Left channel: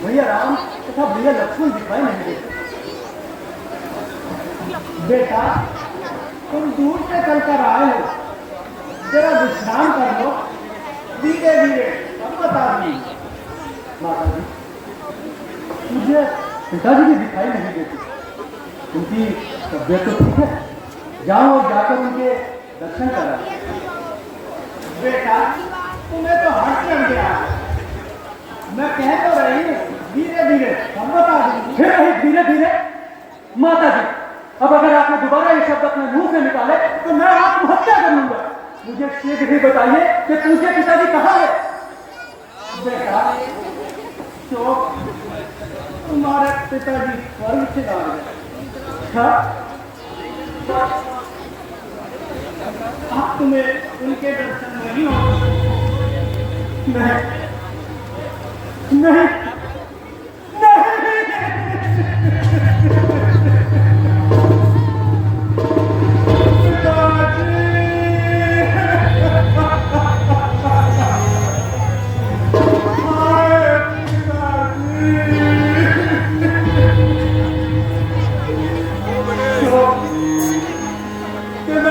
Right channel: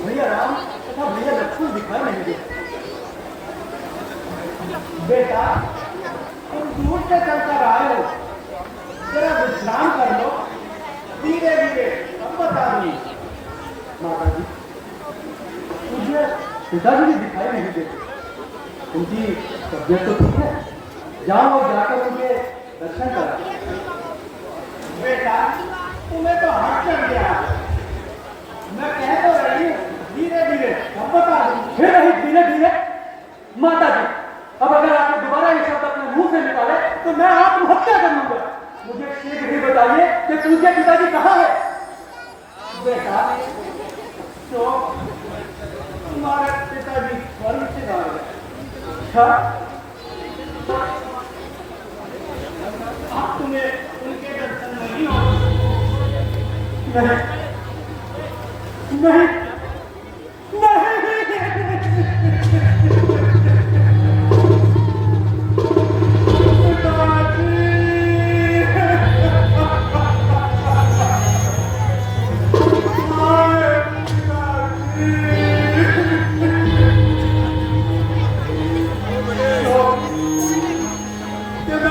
भैया राम तथा भैया लक्ष्मण दिखाई नहीं देते। बेटा तुम दूर से चलकर आए हो, जरा विश्राम कर लो, धीरे धीरे तब बताऊंगी। माता जी मुझे पिताजी भी दिखाई नहीं देते, उनकी तबियत तो ठीक है, जाओ जाकर उनके दर्शन करा। बेटा तुम्हें तो हाथ चढ़ गया, मैं कह तो रही धीरे धीरे तब बता दूंगी। फिर रही धीरे धीरे। माता जी अब अगर आपने दोबारा ये शब्द अपने मुंह से निकाले तो मैं आत्महत्या करूंगा। मुझे शीघ्र ही बताइए कि पूज्य पिताजी कहाँ है। बेटा तो तुम्हारे पिताजी स्वर्ग से आ गए। अब तुम्हें उनके दर्शन नहीं हो? नहीं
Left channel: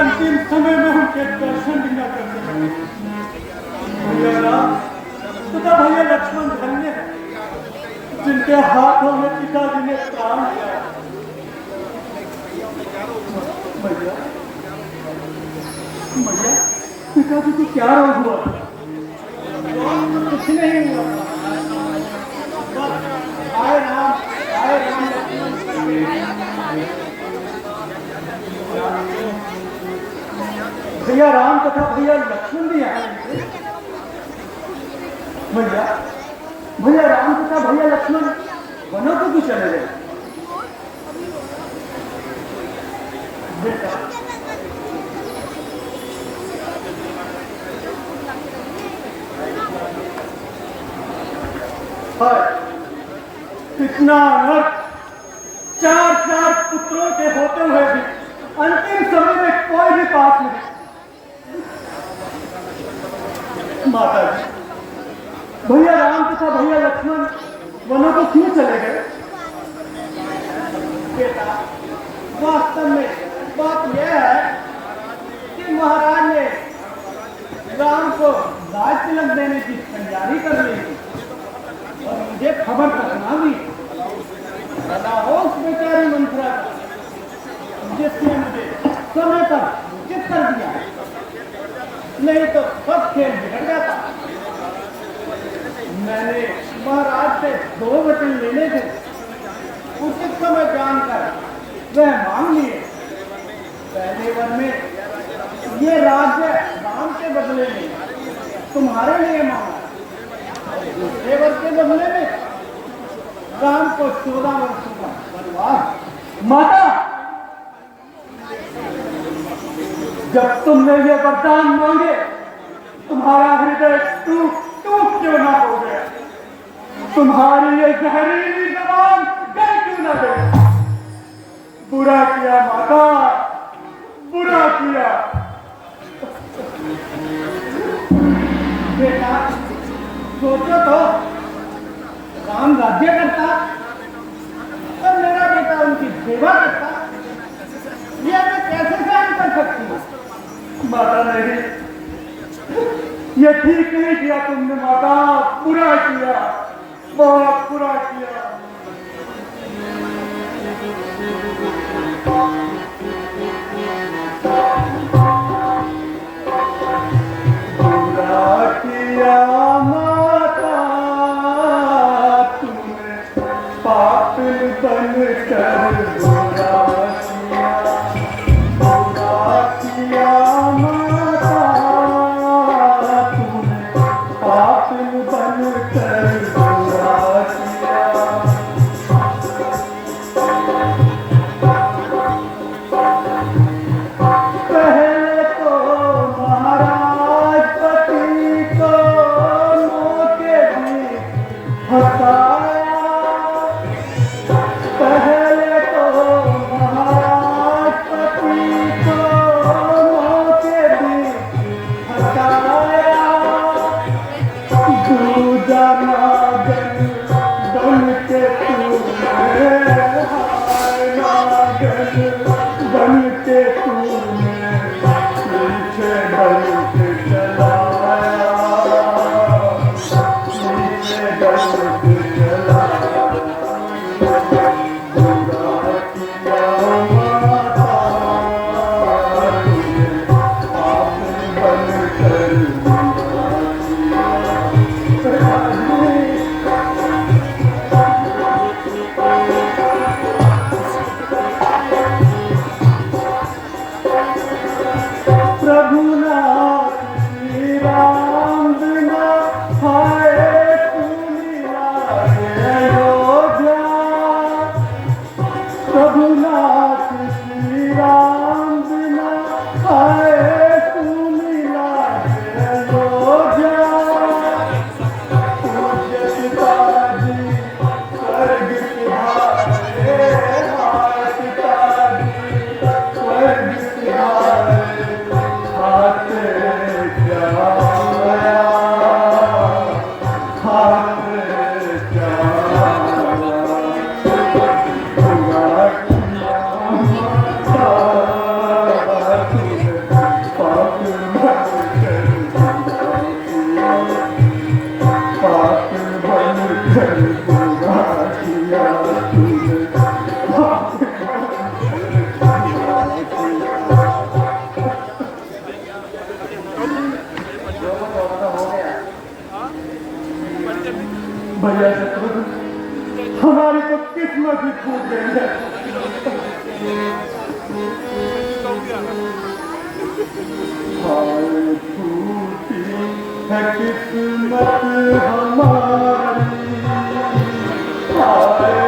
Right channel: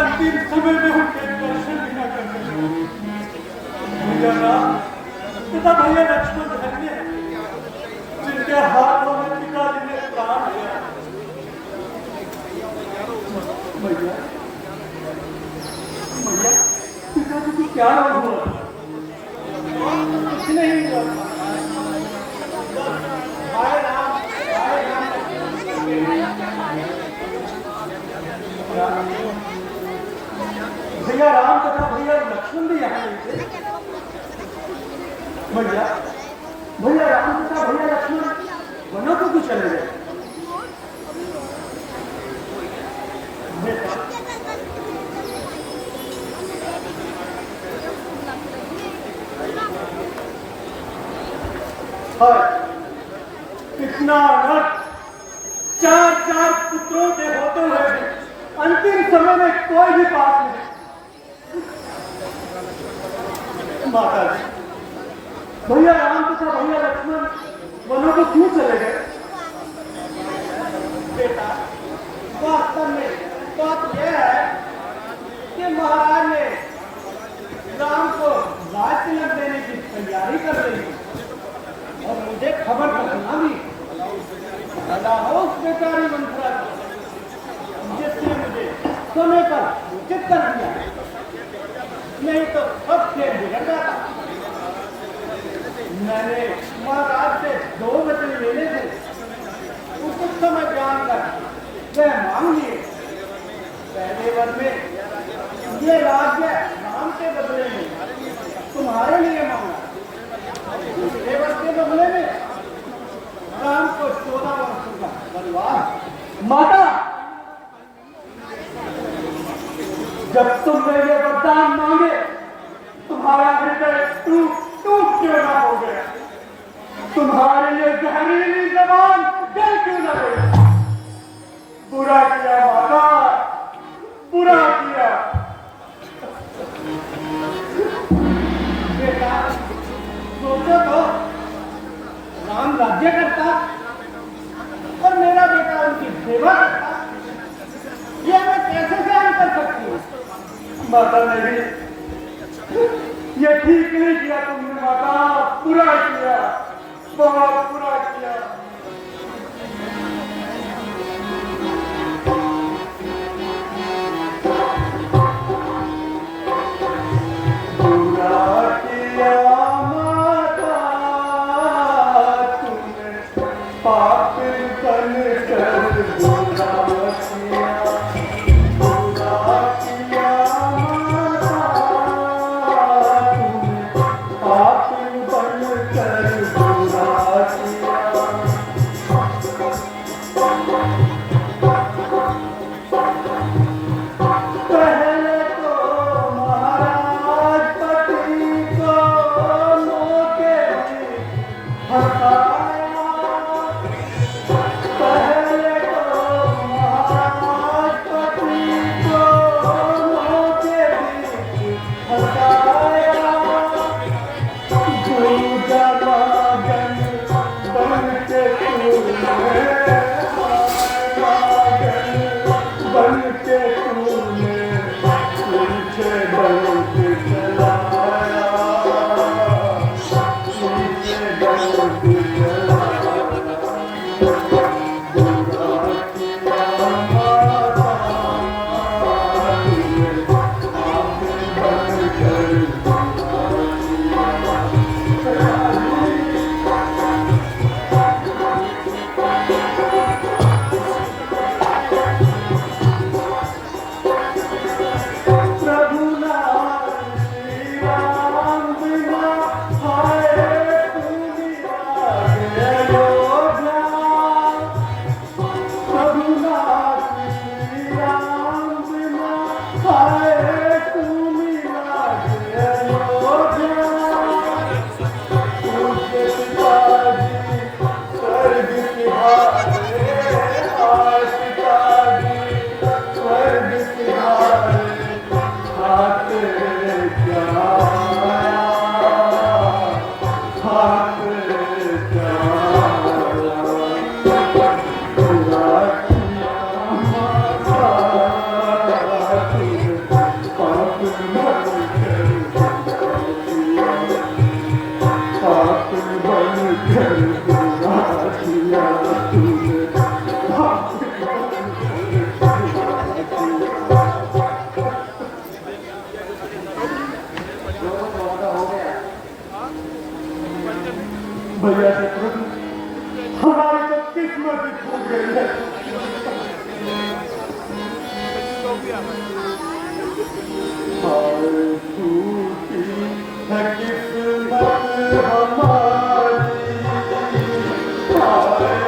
अंतिम समय में उनके दर्शन नहीं कर तथा भैया लक्ष्मण धन्य जिनके हाथों में पिताजी ने प्राण दिया। भैया पिताजी को क्या हुआ? कुछ नहीं हुआ। भैया राम तथा भैया लक्ष्मण भी यहाँ भैया राम तथा भैया लक्ष्मण वनों को भी चले गए। कितना अनर्थ, चार पुत्रों के होते हुए भी अंतिम समय में कोई भी पास नहीं। माता जी भैया राम तथा भैया लक्ष्मण वनों को क्यों चले गए? बेटा वास्तव में बात यह है कि महाराज ने राम को राज तिलक देने की तैयारी कर रही थी और मुझे खबर करना भी उस बेचारी मंत्रा जिसने मुझे समय पर सूचित कर दिया, नहीं तो सब खेल बिगड़ जाता। मैंने महाराज से 2 वचन लेने थे, उचित समय जानकर वह मांग लिए। पहले वर में ये राज्य राम के बदले में तुम्हारे लिए मांगा, दूसरे वर के बदले में राम को 14 वर्षों का वनवास। माता जब तुमने ये वरदान मांगे तुम्हारा हृदय टूट क्यों ना हो गया? तुम्हारी ये जहरीली जबान गल क्यों ना गई? बुरा किया माता, बुरा किया। बेटा सोचो तो, राम राज्य करता और मेरा बेटा उनकी सेवा करता, ये मैं कैसे सहन कर सकती हूँ? माता मेरी ये ठीक नहीं किया तुमने माता, बुरा किया, बहुत बुरा किया। बुरा किया माता तुमने, पाप तन कर बुरा किया माता। किस्मत ही फूट गई है। हाय टूटी है किस्मत हमारी, हाय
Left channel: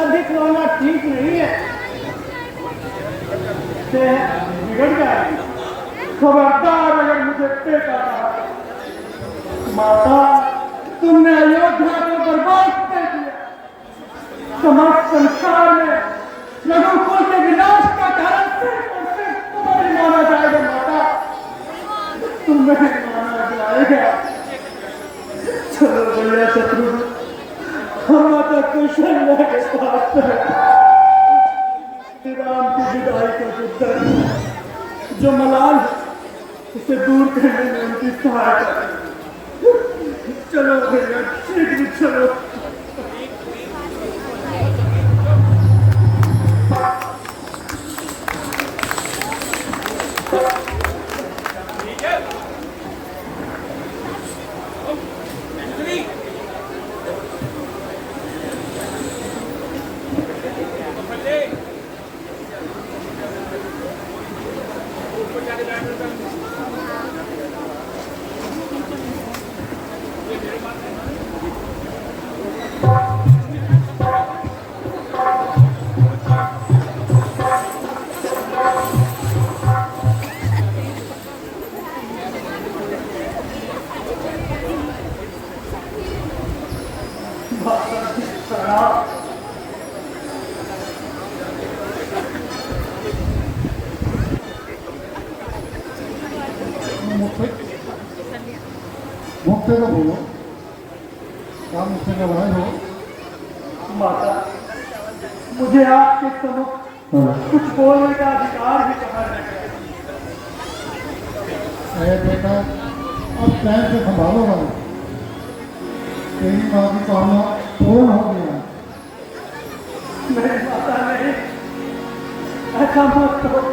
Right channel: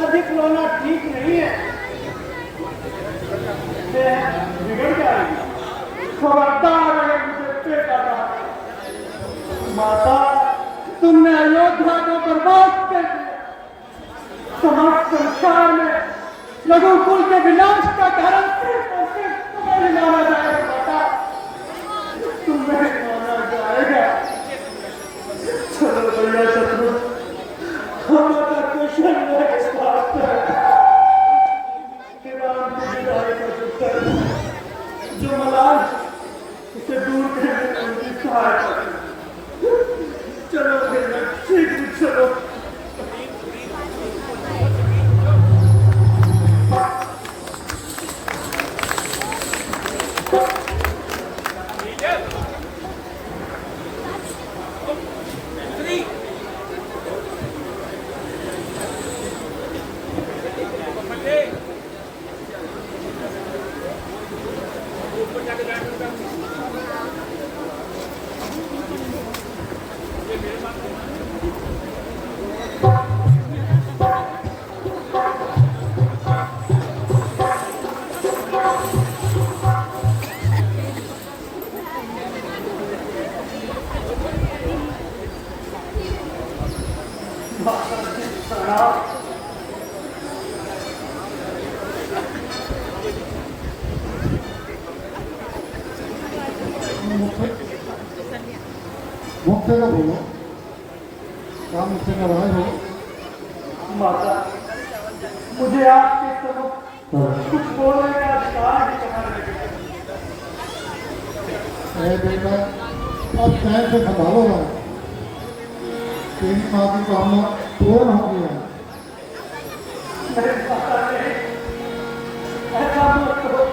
अधिक रोना ठीक नहीं है, बिगड़ जाएगी। खबरदार अगर मुझे पेट आ रहा, माता तुमने अयोध्या को बर्बाद कर दिया, समस्त संसार में रघुकुल के विनाश का कारण सिर्फ माना जाएगा। माता तुम्हें माना जाएगा। चलो भैया शत्रु, हमारा कुशल है, जो मलाल उसे दूर करने में उनकी सहायता। चलो भैया शीघ्र चलो। काम से निभाए हो। माता, मुझे आपके समक्ष कुछ बोलने का अधिकार भी कहा नहीं। अरे बेटा, अब टाइम से संभालो ना, तेरी माँ की कामना पूर्ण हो गया। मेरे माता ने ऐसा मत करो,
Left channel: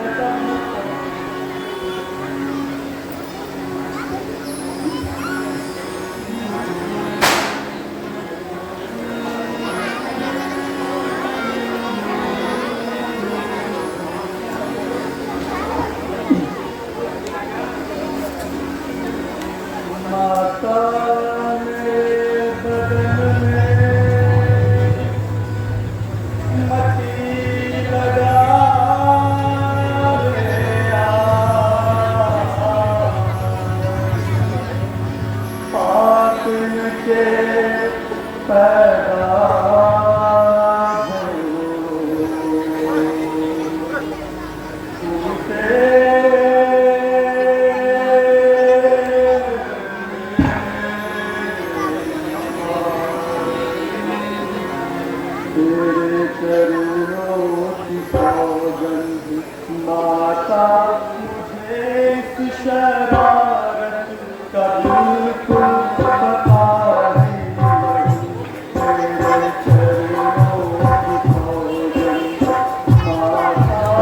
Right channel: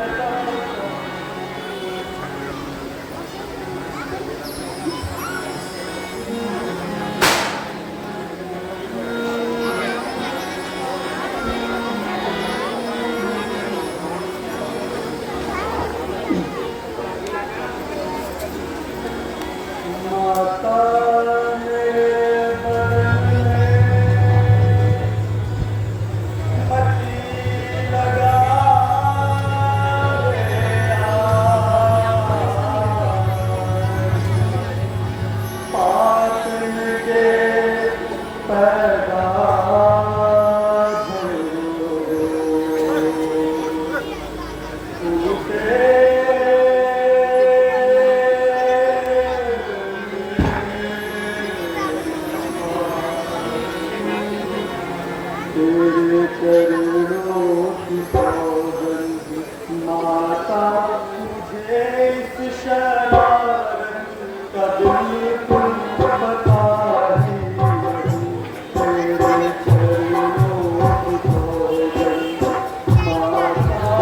ऐसा मत करो। माता ने बदन में मटी लगा दिया, पाप के पैदा तेरे चरणों की सौगंध माता, मुझे इस शरारत का बिल्कुल पता नहीं। तेरे चरणों की सौगंध माता, मुझे इस शरारत का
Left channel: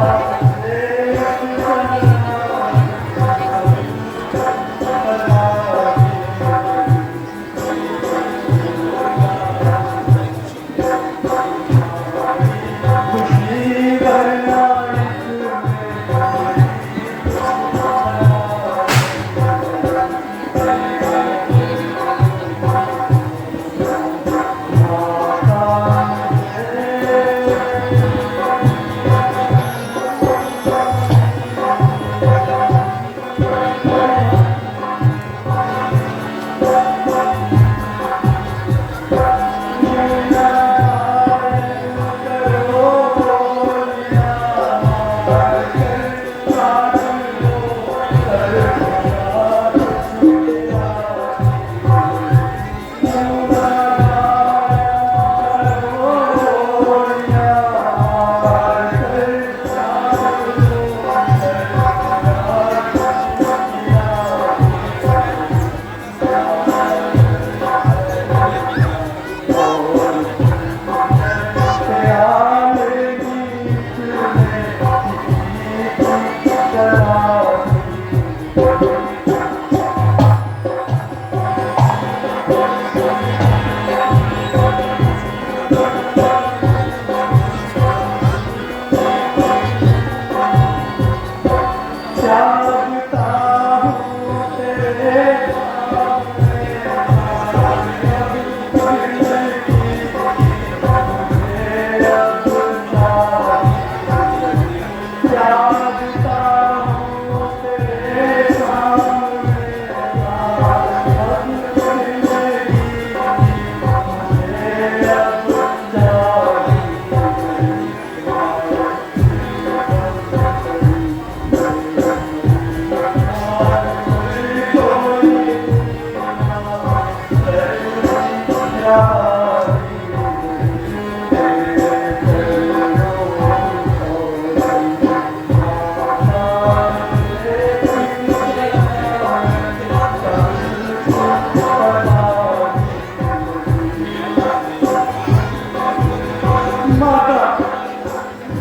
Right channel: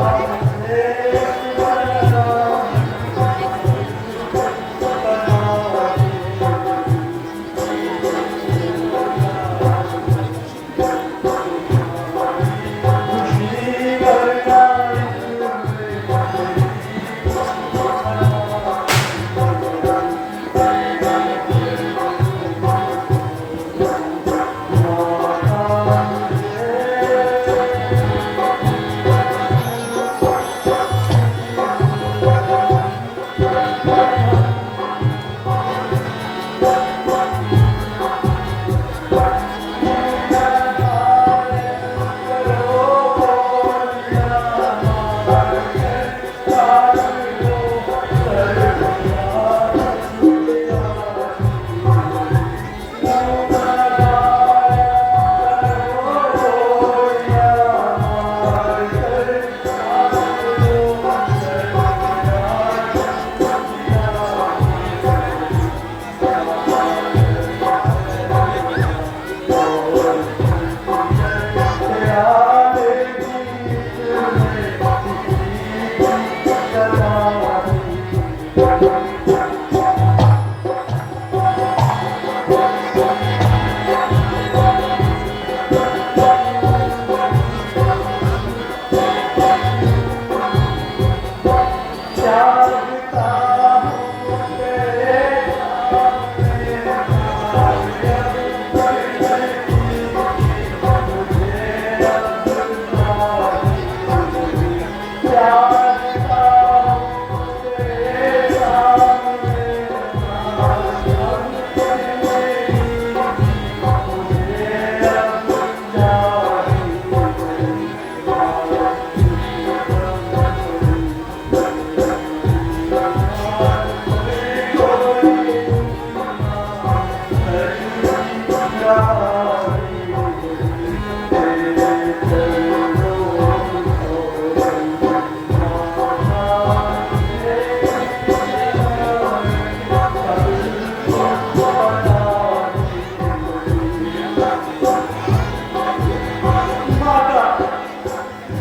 पता नहीं। खुशी करना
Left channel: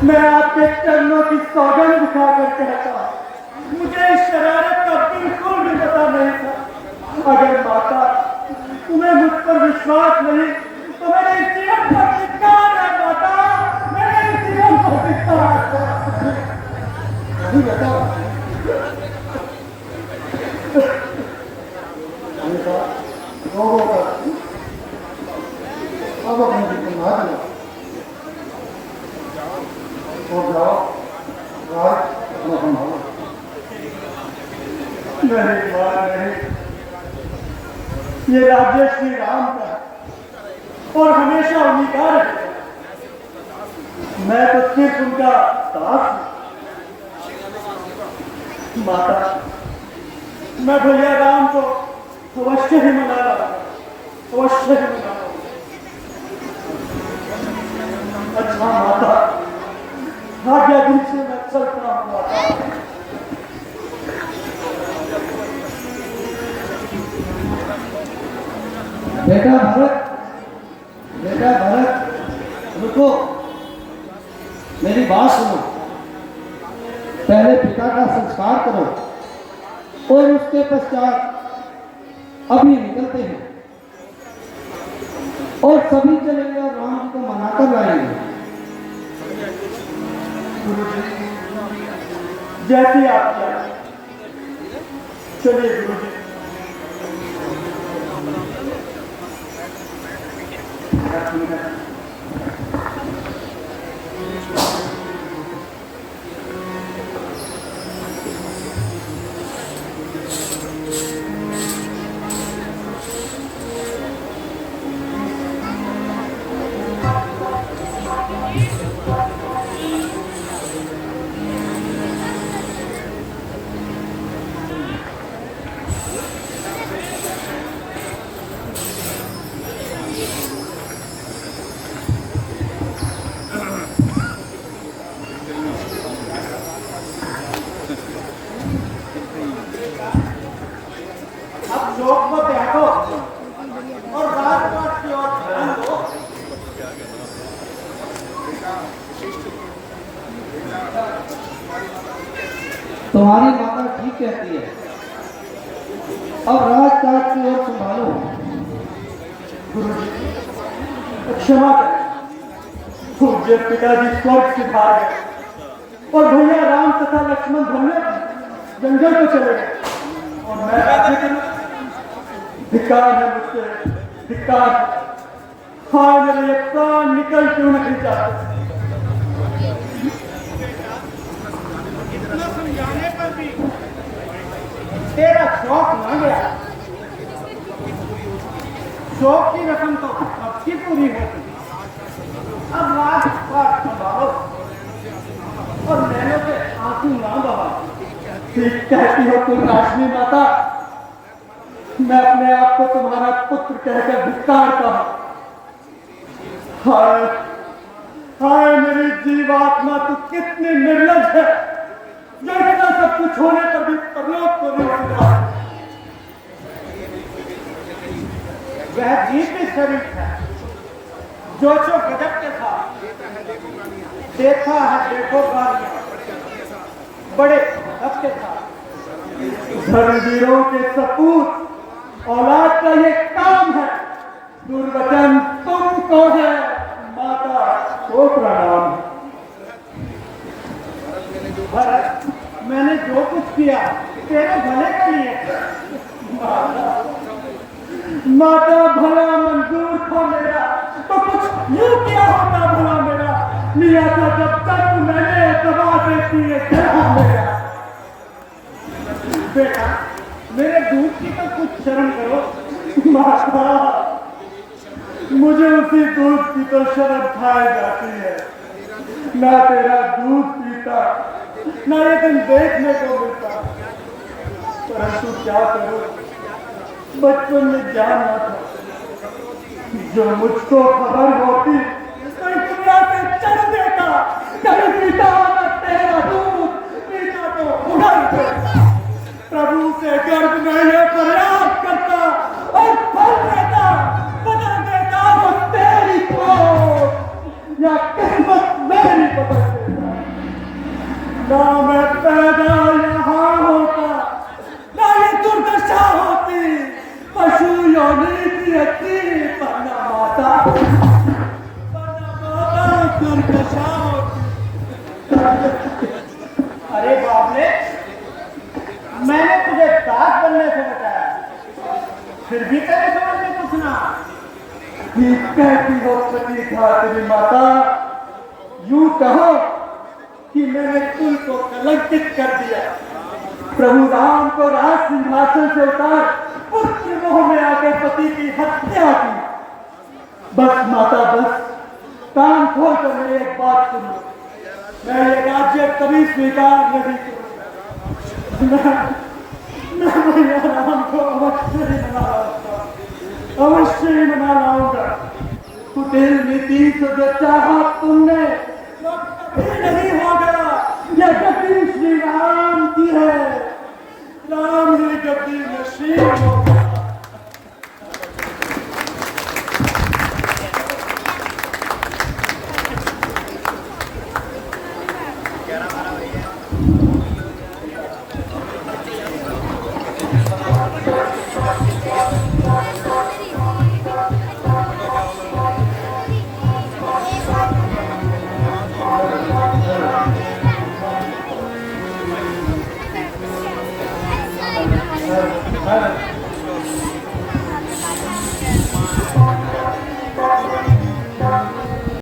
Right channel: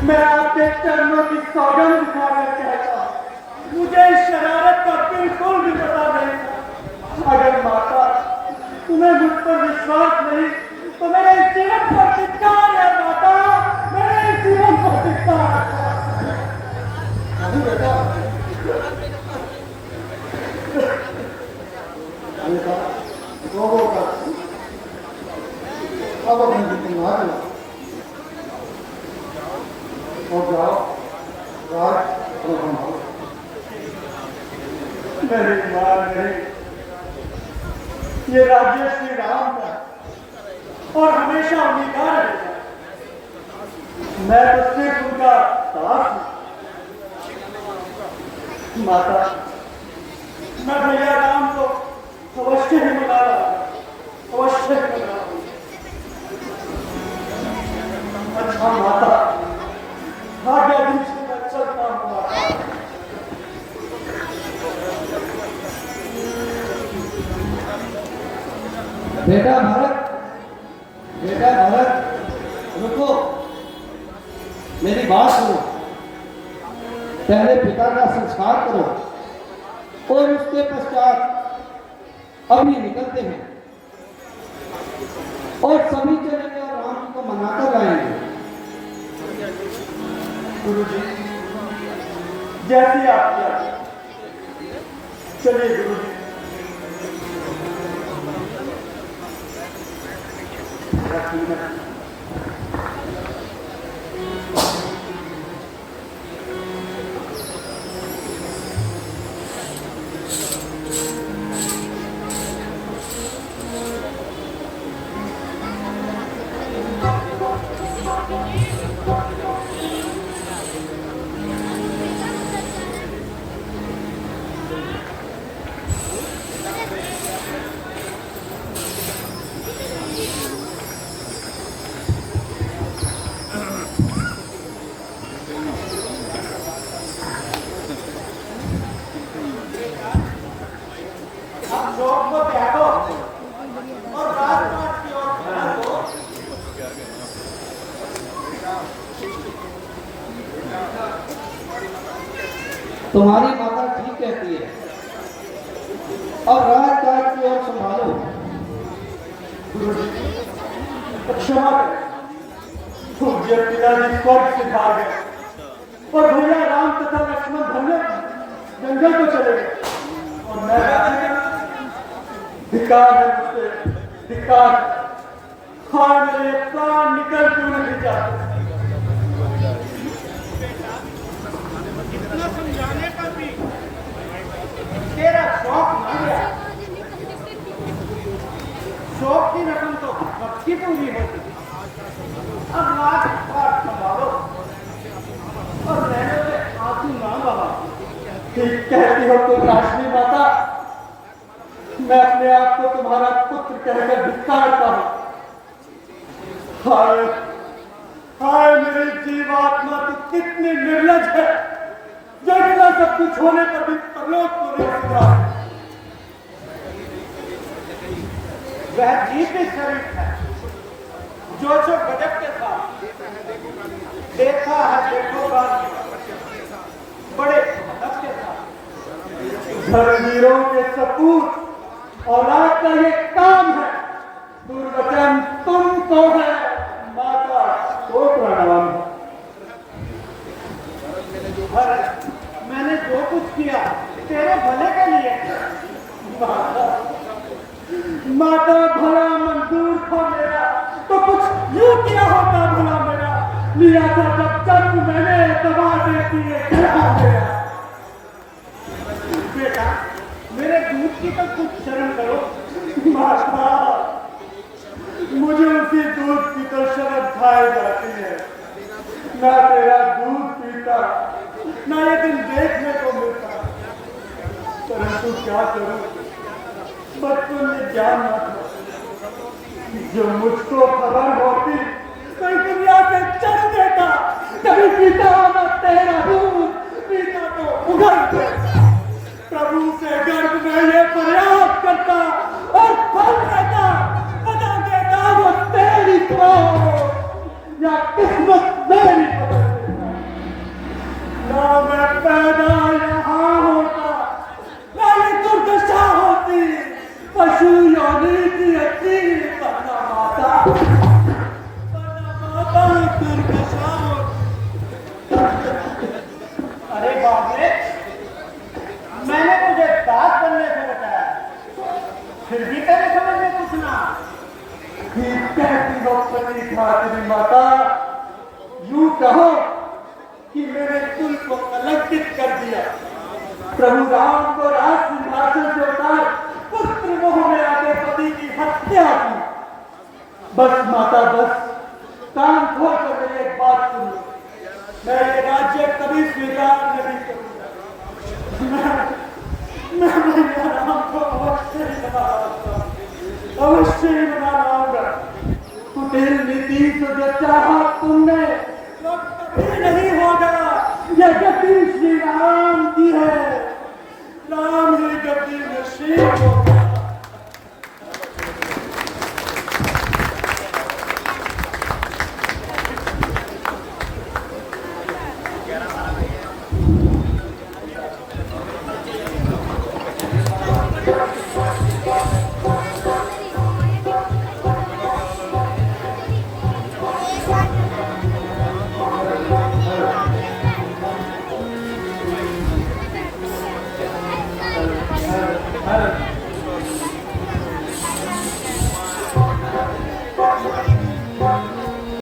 मैं आपके चरणों की सौगंध खाकर कहता हूं, मुझे इस शरारत का बिल्कुल भी पता नहीं था। अगर माता तुम्हें मुझ पर विश्वास नहीं तो मेरे इस जीवन पर धिक्कार है। माता, मेरे इस जीवन पर धिक्कार है। नहीं मां नहीं, ये राज्य श्री राम का और हमेशा उन्हीं है। मैं तो सिर्फ उनका दास हूं। माता, मैं भैया राम को अवश्य ही मिला रहा कोशिश अच्छा माता भाग्य बीच में चलता हुआ बेटा भरत रुको, मेरी बात सुनो। पहले पिता का संस्कार करो और उसके पश्चात अभी निकलते हैं और सभी चलेंगे और राम जी को मनाकर लाएंगे। जैसी आपकी चलिए गुरु जी। लोग को त्यागो और बात की ओर ध्यान दो। तुम्हारी माता ठीक कहती है, अब रात काट की ओर संभालो। क्षमा पूज्य पिताजी स्वर्ग से भाग गए और भैया राम तथा लक्ष्मण दोनों जंगल को चले गए और मैं धिक्कार है मुझसे, धिक्कार। हाँ मेरे प्राण निकल क्यों नहीं जाते। इतना समझाने पर भी तेरा शौक न गया। शौक की रकम तो अब की पूरी होती। अब लाख बार संभालो और नैनों से आंसू ना बहाओ। ठीक कहती हो तुम राशि माता, मैं अपने आप को तुम्हारा पुत्र कहकर धिक्कारता हूं। हाय हाय मेरी जीवात्मा तू कितनी निर्लज है जो इतना सब कुछ होने पर भी परलोक को नहीं होता। वह जीवित शरीर है जो गजब के साथ देखा है, देखो बड़े हक के साथ धर्मवीरों के सपूत औलाद का ये काम है। दुर्वचन तुमको है माता को प्रणाम। मैंने जो कुछ किया तेरे भले के लिए। माता भला मंजूर था मेरा तो कुछ यूं किया होता भला मेरा। लिया था जब तक मैंने दबा देती है मेरा। बेटा मेरे दूध की तो कुछ शर्म करो। माता मुझे उसी दूध की तो शर्म खाई जाती है। मैं तेरा दूध पीता न ये दिन देखने को मिलता, परंतु क्या करूं बचपन में ज्ञान न था। जो मुझको खबर होती कहीं दुनिया से चल देता। कभी पीता मैं तेरा दूध पीता तो उधर प्रभु से गर्भ में ये प्रयास करता और फल देता बना देता वो तेरी को या किस्मत मेरी पकड़ देता। ना मैं पैदा यहाँ होता ना ये दुर्दशा होती। पशु योनि की अच्छी पन्ना माता दुर्दशा होती। अरे बाप रे मैंने तुझे दास बनने से बताया, फिर भी तेरे समझ में कुछ ना। ठीक कहती हो कली खातिर माता। यूं कहो कि मैंने तुमको अलंकित कर दिया। प्रभु राम को राज सिंहासन से उतार पुत्र मोह में आके पति की हत्या की। बस माता बस कान खोल कर मेरी एक बात सुनो। मैं ये राज्य कभी स्वीकार नहीं करूंगा। मैं राम को अवश्य अवश्य मनाऊंगा। कुटिल नीति को जो चाहा तुमने वो कभी नहीं होगा। ये गति श्री राम की है, राम ये गति नसीब होगा।